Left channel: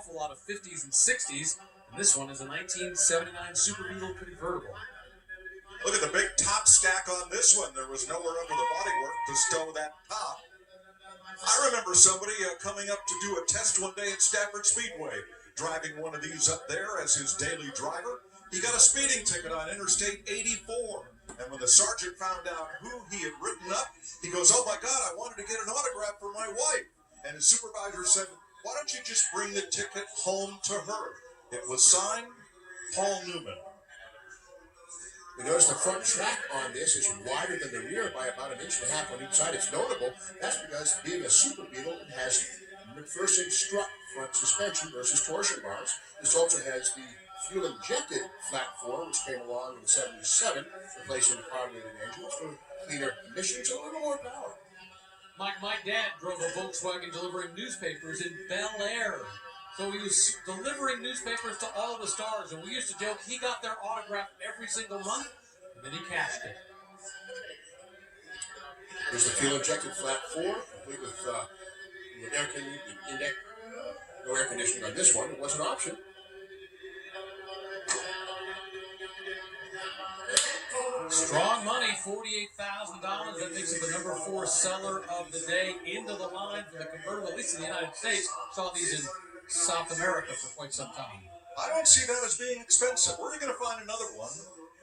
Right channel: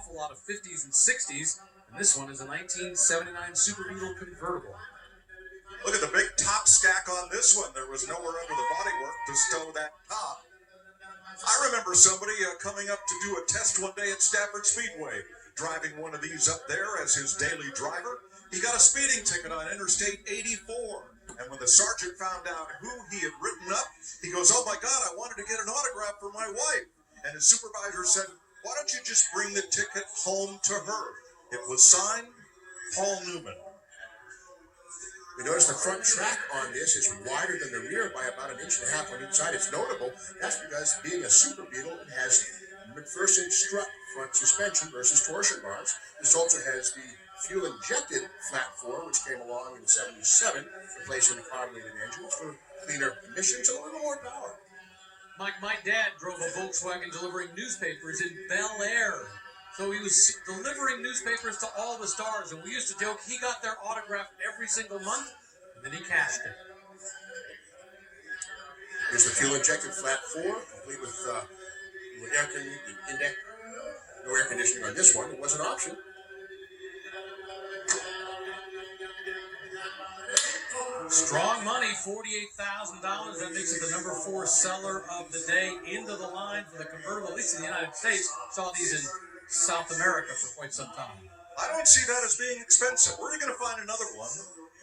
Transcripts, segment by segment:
awful lot of 50s and 60s, and this one is a 1979 Super Beetle convertible. Look at the big top stack on this one. There was nowhere under the bodywork to stow that top. I remember somebody coming up to do a test one day at Stafford Speedway, driving one of these up there as his daily driver. He got a speeding ticket on Interstate 84. And when the sergeant found out who he had written up, he goes, "Oh my God, I wanted to get an autograph for my wife." And his supervisor said, "Why don't you just bring the ticket home to her?" It was signed Paul Newman. We notice the front track on this is wider than the rear by about 1.5 inches on each side. It's notable. That's because being a Super Beetle, it has McPherson strut front suspension versus torsion bars. This also has the fuel-injected flat 4, which came along in '77, replacing the carbureted engines for cleaner emissions and a little more power. My dad drove a Volkswagen delivering newspapers in Bel Air. So he was delivering newspapers to all the stars, and we used to joke he got their autograph every single month, and then he cashed it. Here's the fuel-injected flat 4, complete with air conditioning. No air conditioning on this one. It was an option. Strong money, $48,000. That makes it the number 4 seller of the day. Into the line for the convertible, at least in the United States. Saw these in South America for quite some time. I don't see that as being expensive. Where are you going to find another one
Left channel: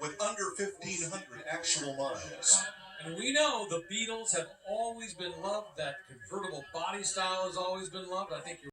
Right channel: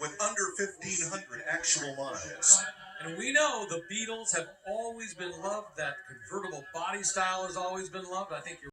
with under 1,500 actual miles? And we know the Beetles have always been loved. That convertible body style has always been loved. I think you're